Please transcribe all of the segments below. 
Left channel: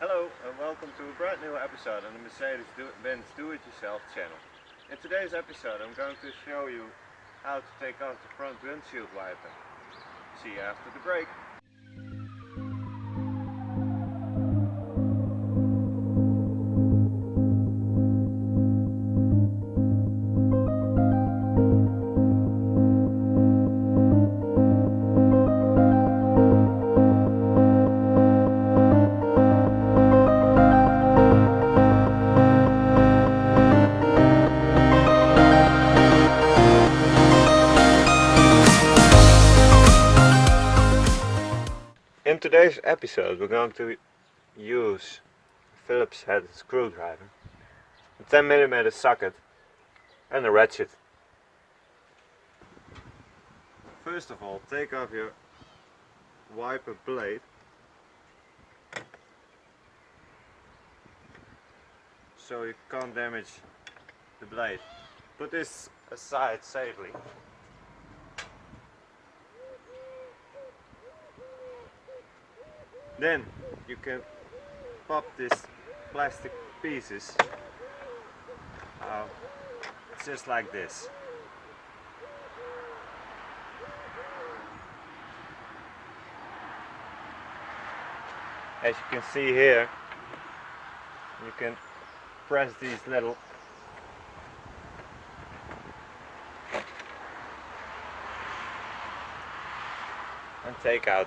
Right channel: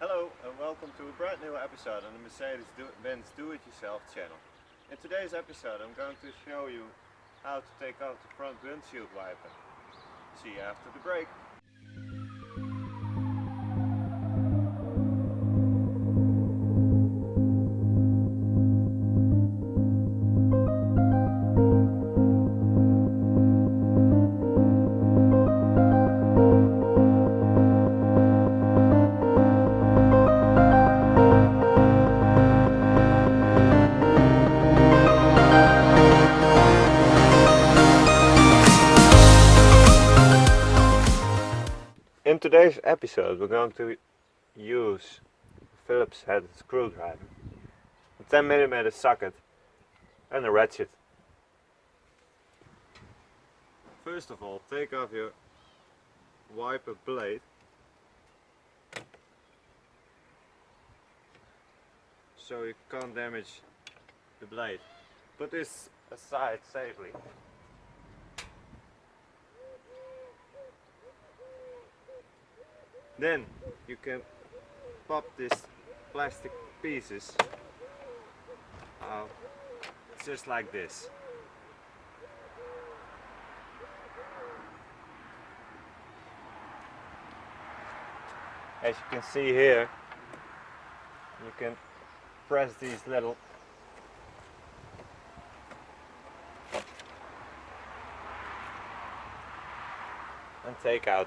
Hello and welcome to a brand new episode on the Mercedes-Benz Do-It-Yourself channel. In today's episode I'm going to show you how to take off the front windshield wiper. See you after the break. In today's episode we're going to use a Phillips headed screwdriver, a 10mm socket and a ratchet. First of all, take off your wiper blade so you can't damage the blade. Put this aside safely. Then you can pop these plastic pieces out just like this. As you can see here, you can press these little and take out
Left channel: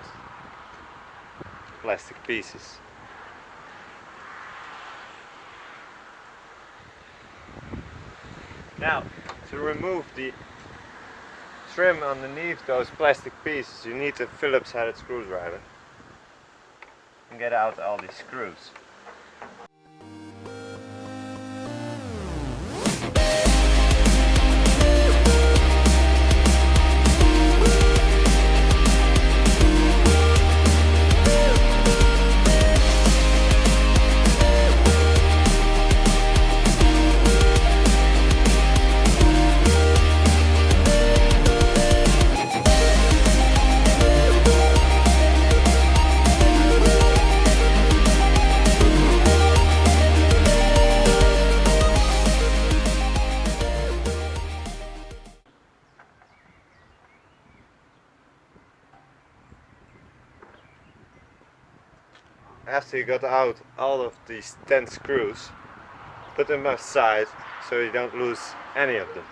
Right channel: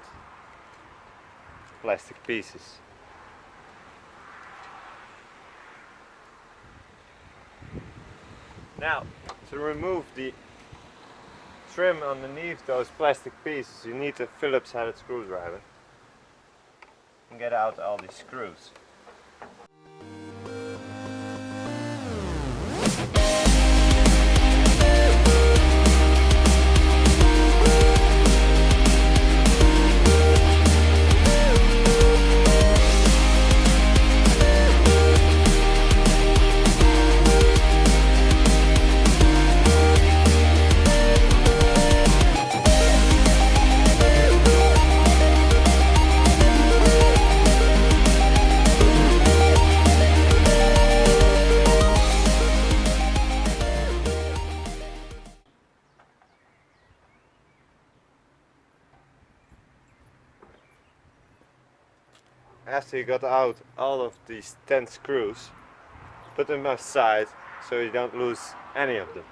plastic pieces. Now, to remove the trim underneath those plastic pieces, you need a Phillips headed screwdriver and get out all these screws. After you got out all of these 10 screws, put them aside so you don't lose any of them.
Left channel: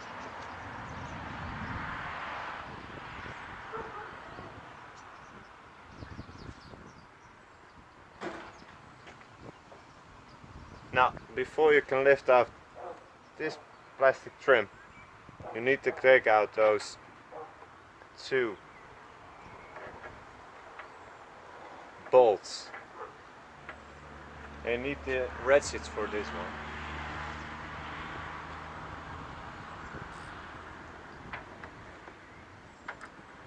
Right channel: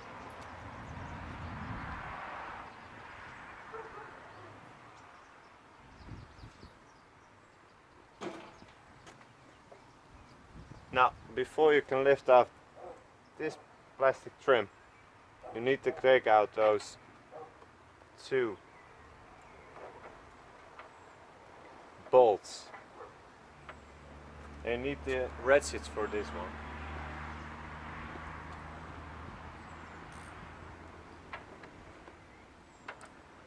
Now, before you can lift off this plastic trim, you need to take out those two bolts. You need the ratchets for this one.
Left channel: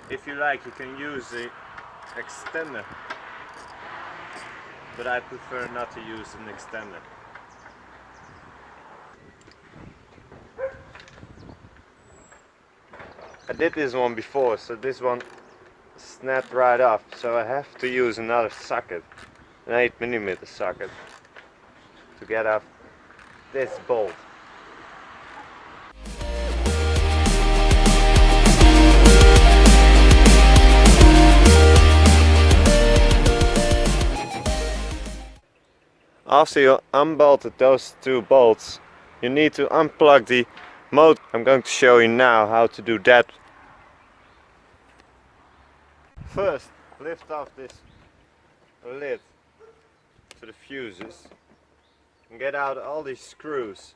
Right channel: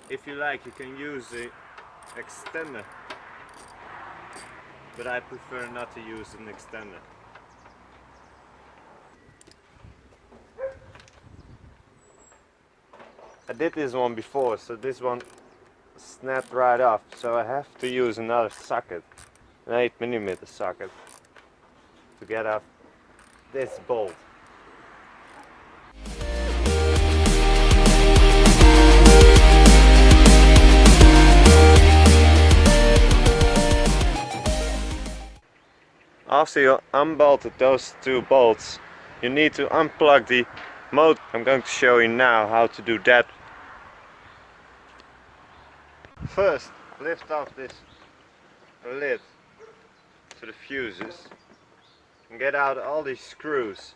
If you like, you can use the extender, but I prefer not to use an extender. I did this one before, so this one snapped right off, so I have to use another socket, an 8mm socket, to get off this bolt. After you unbolted those two bolts, you need to unplug the motor. I'm going to show you now how to do that. First, lift off this lid to the fuses and get out all these screws.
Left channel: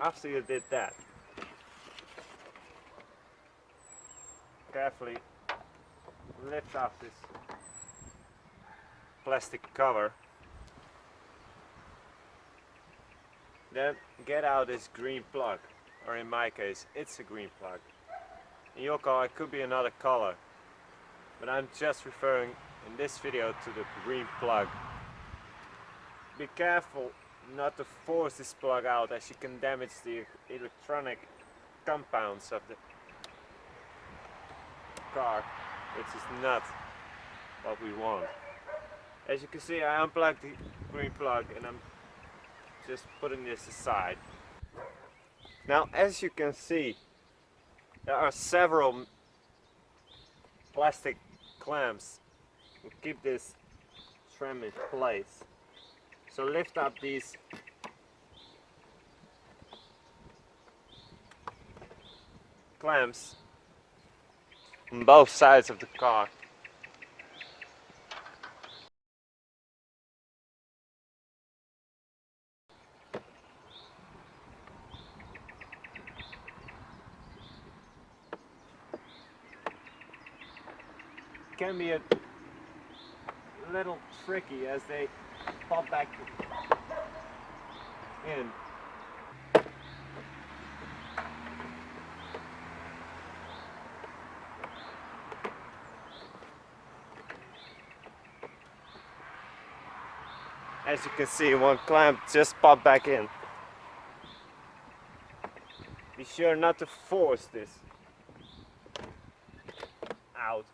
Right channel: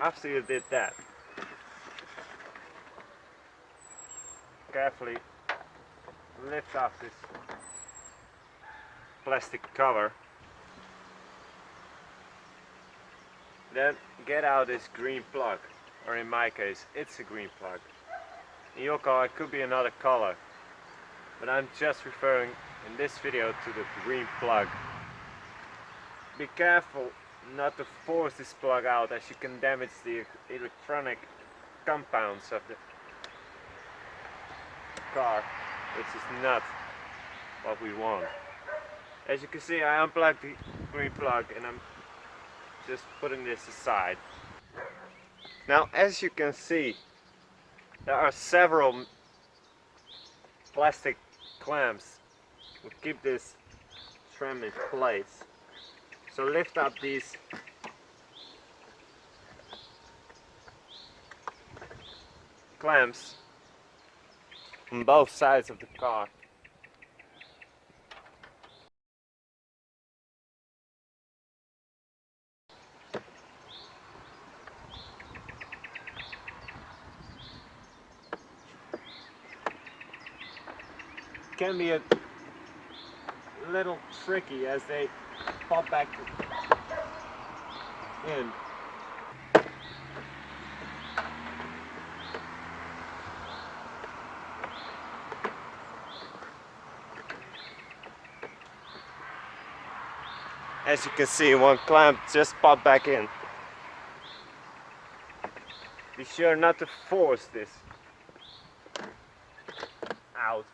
After you did that, carefully lift off this plastic cover. Then get out this green plug, or in my case it's a green plug. In your car it could be another color, but I'm just referring in this video to the green plug. Be careful not to force this plug out, as you can damage the electronic compounds of the car, which is not what we want. As you can see, I unplugged the green plug and I'm just putting this aside. Now, as you can see, there are several plastic clamps to keep this trim in place. So lift up these clamps on both sides of the car. Can be a little tricky as they pop back in. As you can see, one clamp just popped back in. Be sure not to force this out,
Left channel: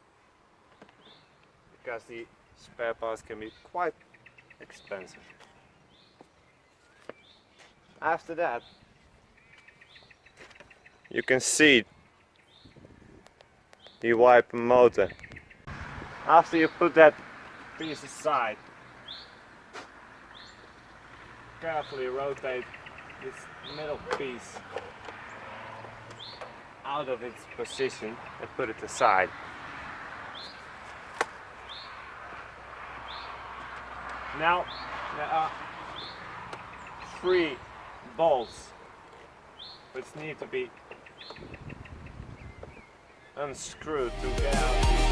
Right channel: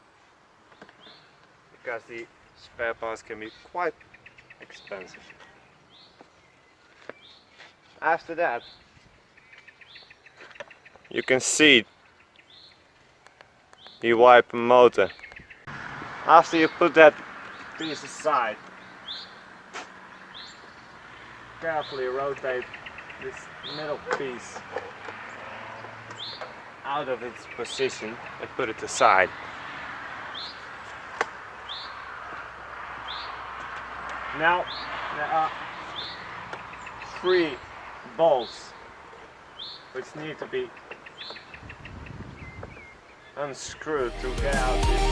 because the spare parts can be quite expensive. After that, you can see the wiper motor. After you put that piece aside, carefully rotate this middle piece out of its position and put it aside. Now there are 3 bolts which need to be unscrewed to get out this.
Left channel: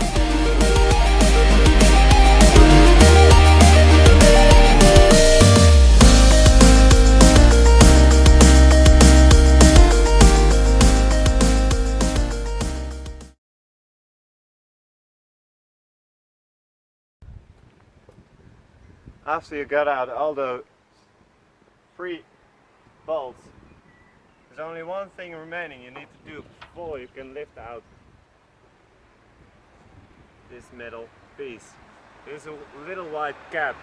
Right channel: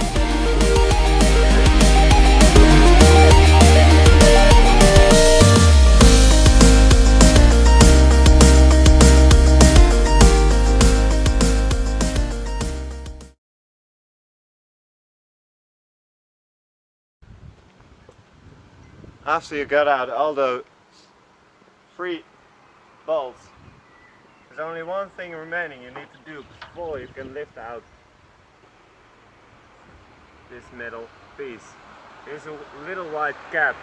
After you got out all the 3 bolts, there's only one thing remaining you need to do before you can lift out this middle piece. Here's a little white cap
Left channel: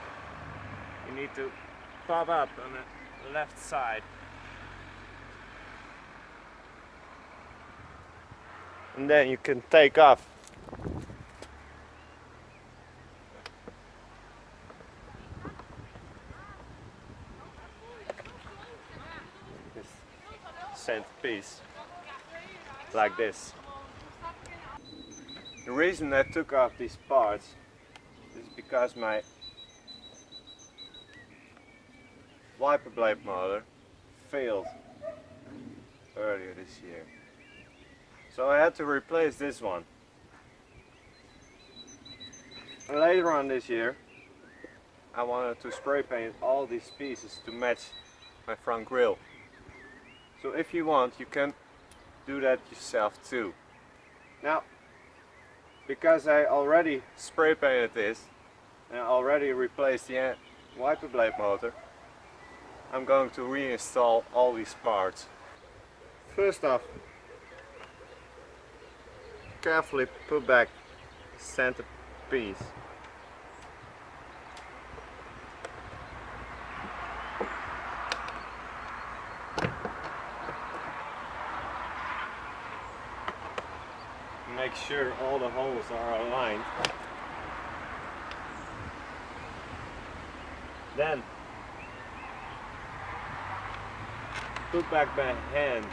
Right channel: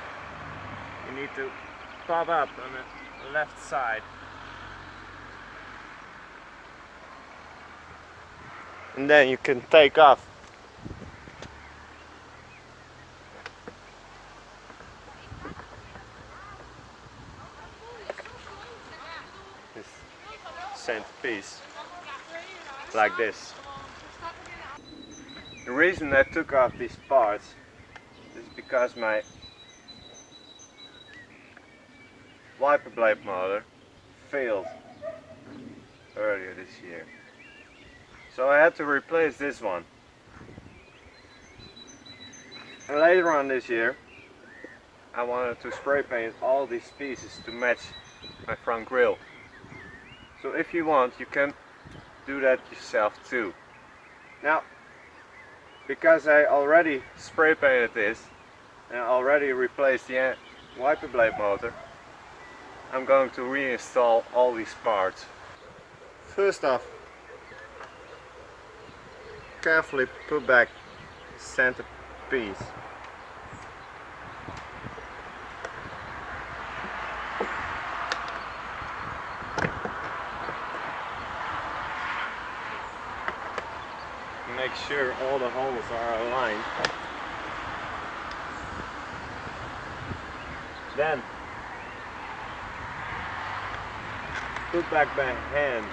you need to pop up on the left side. And then you can take off this centerpiece like this. The reason I took off these parts is because my wiper blade motor failed earlier this year. So I had to replace this one. And later on this year, I wanted to spray paint all these pieces to match my front grille. So if you want, you can do that yourself too. Now, because I already spray painted this and already replaced the wiper blade motor, I'm going to reinstall all these parts. First off, carefully put back the center piece. Make sure all the holes are aligned. Then put back my hand.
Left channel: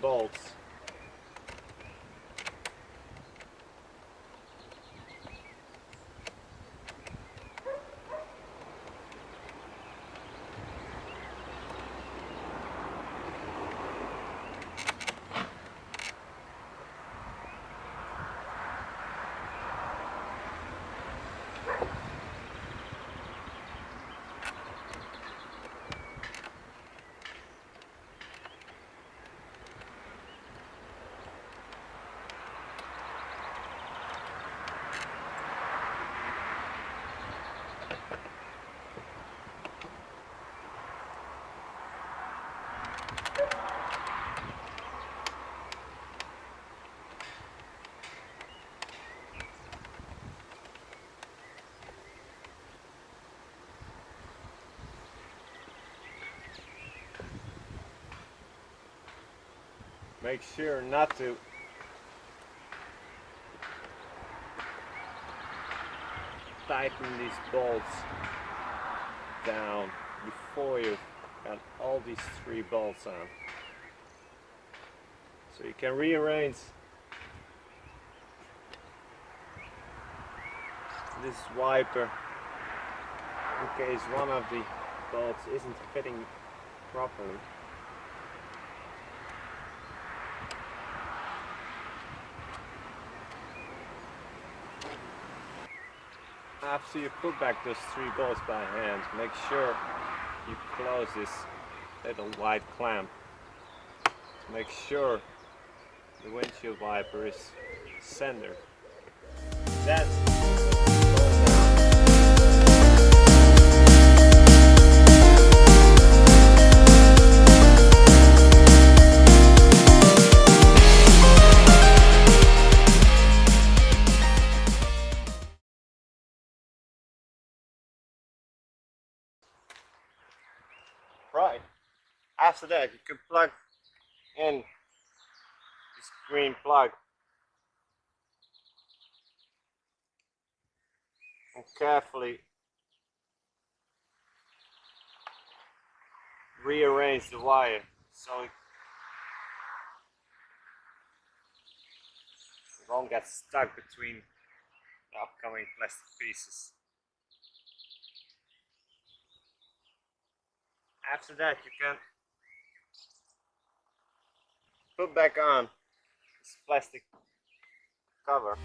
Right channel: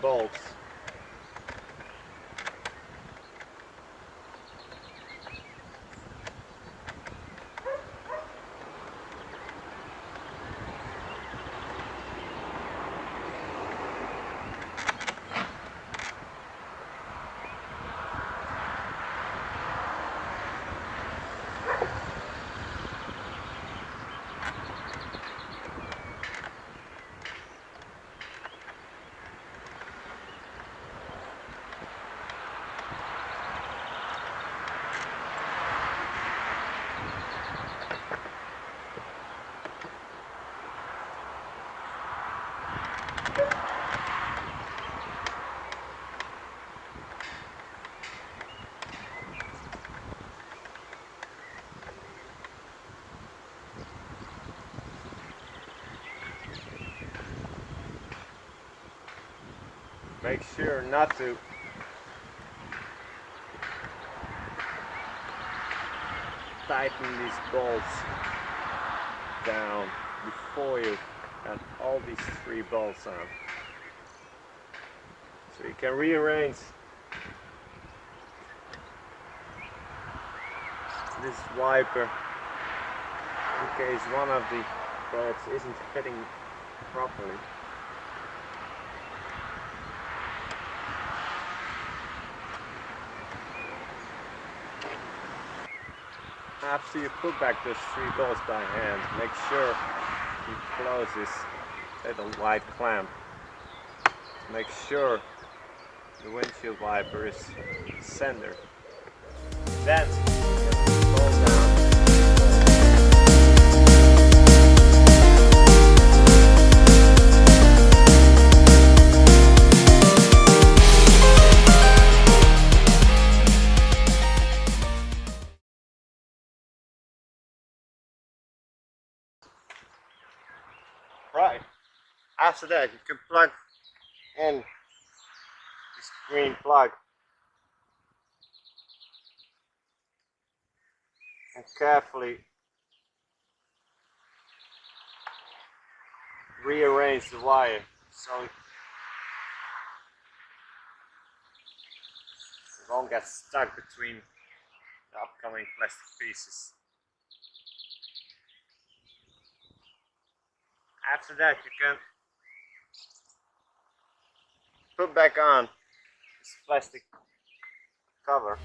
Bolts. make sure not to tighten these bolts down before you got all these 3 bolts on. So you can rearrange this wiper in case one of the bolts isn't fitting properly. After you put back those 3 bolts by hand, make sure you close this little white clamp. Make sure the windshield wiper is centered. Then pull down. Right. After that, you can plug in this green plug and carefully rearrange the wire so it won't get stuck between the upcoming plastic pieces. After that, you can put back on this plastic cover.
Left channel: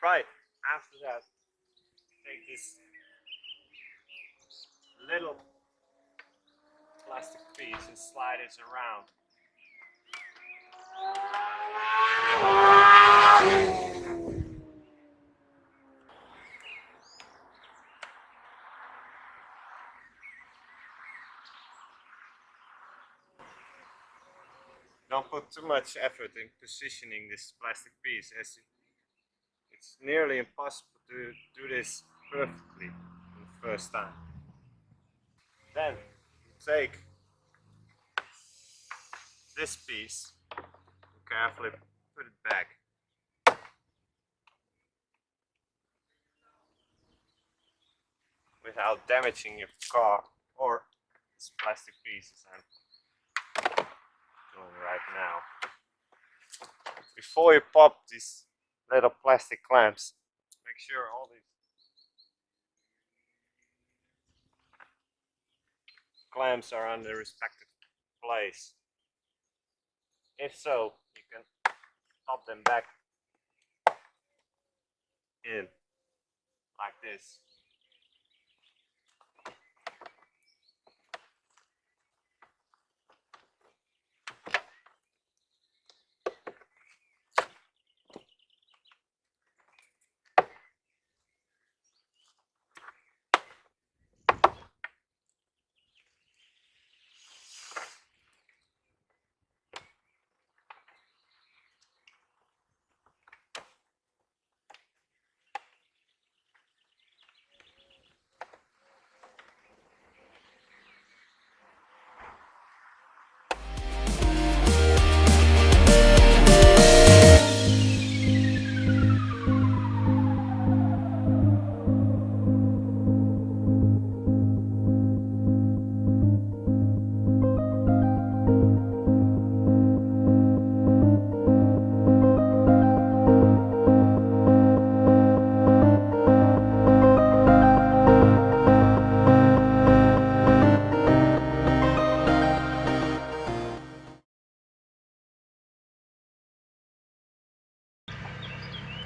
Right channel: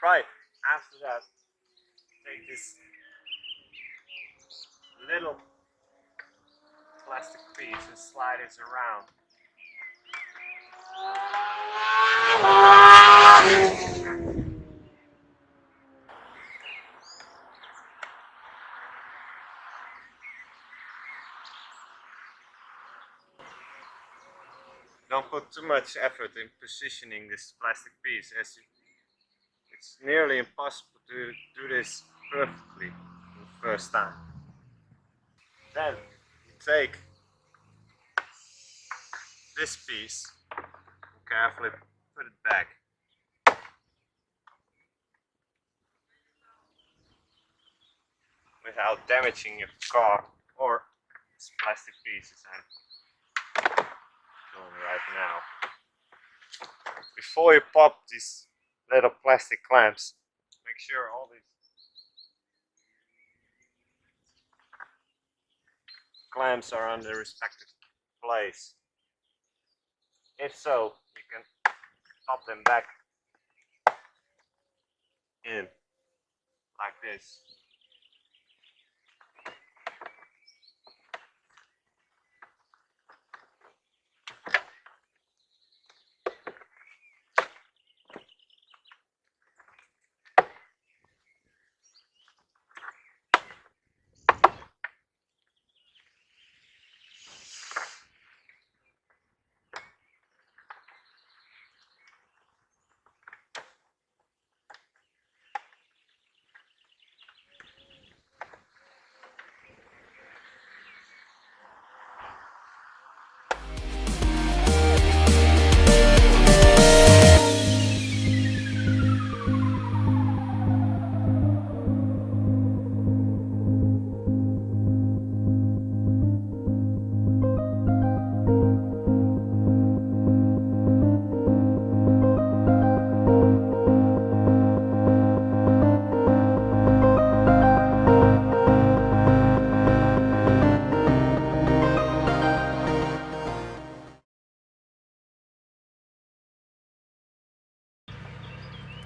Right, after that, take this little plastic piece and slide it around. Don't put too much effort in positioning this plastic piece, as it's nearly impossible to do this perfectly the first time. Then you take this piece and carefully put it back. Without damaging your car or this plastic pieces I'm doing right now. Before you pop these little plastic clamps, make sure all these clamps are on their respective place. If so, you can pop them back in like this.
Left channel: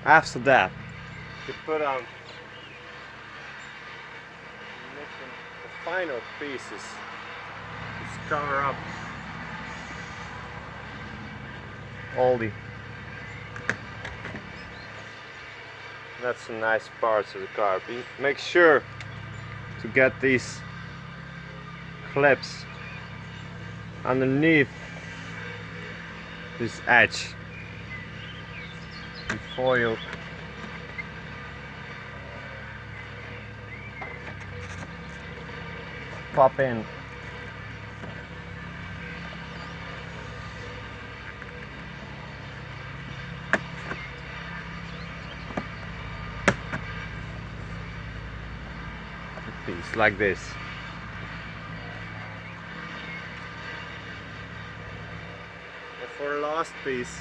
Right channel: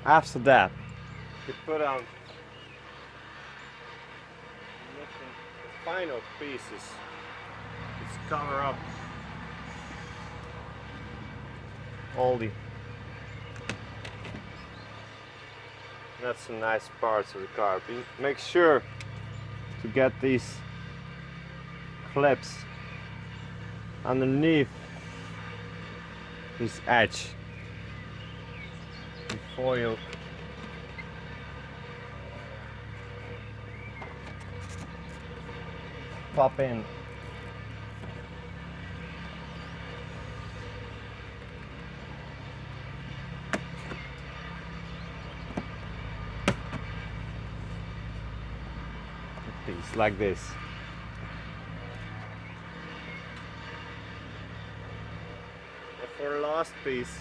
After that, you put on the final pieces cover up all the not so nice parts of the car. Make sure to get these clips underneath this edge before you pop in. A piece like this. And for the last piece,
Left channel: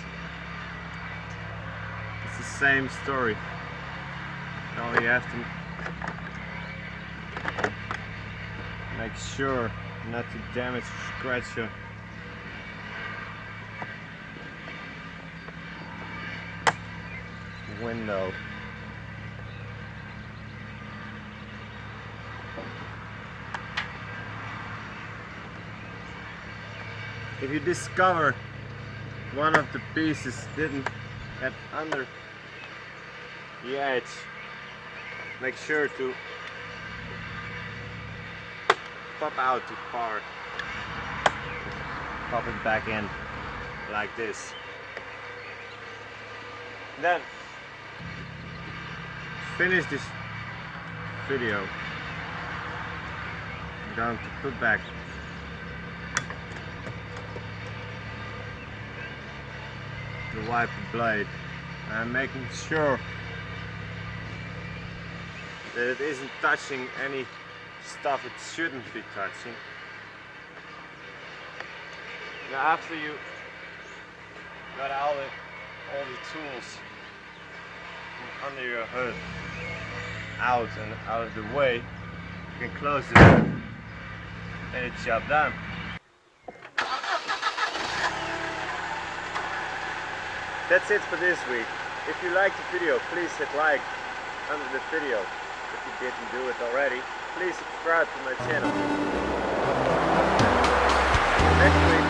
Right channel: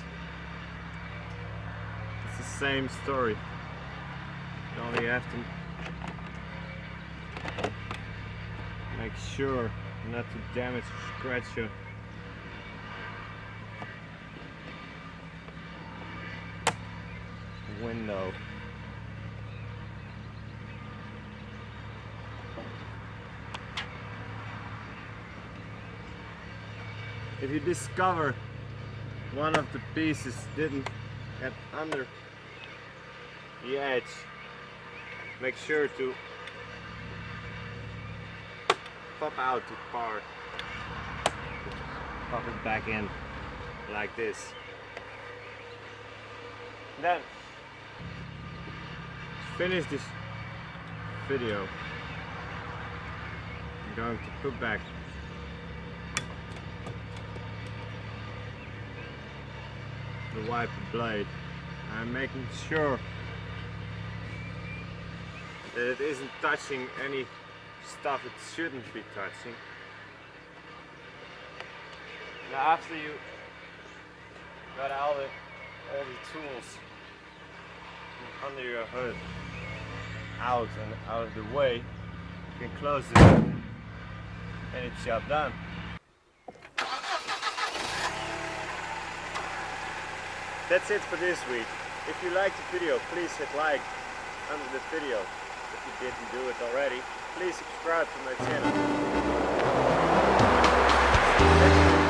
it's the same story. Only you have to make sure not to damage or scratch your window. If you discover one of the pieces didn't get under the edge, make sure to pop out the part, pop it back in like this. Then finish this video. I'm going to put back the wiper blade. I'm making sure that it isn't touching any stuff it shouldn't be touching. Now after you got all the tools from under your hood out and out of the way, you can close it and it's job done. That's it for this week. If you liked the video, please hit like under the video. If you didn't do it already, please subscribe to my channel. Next week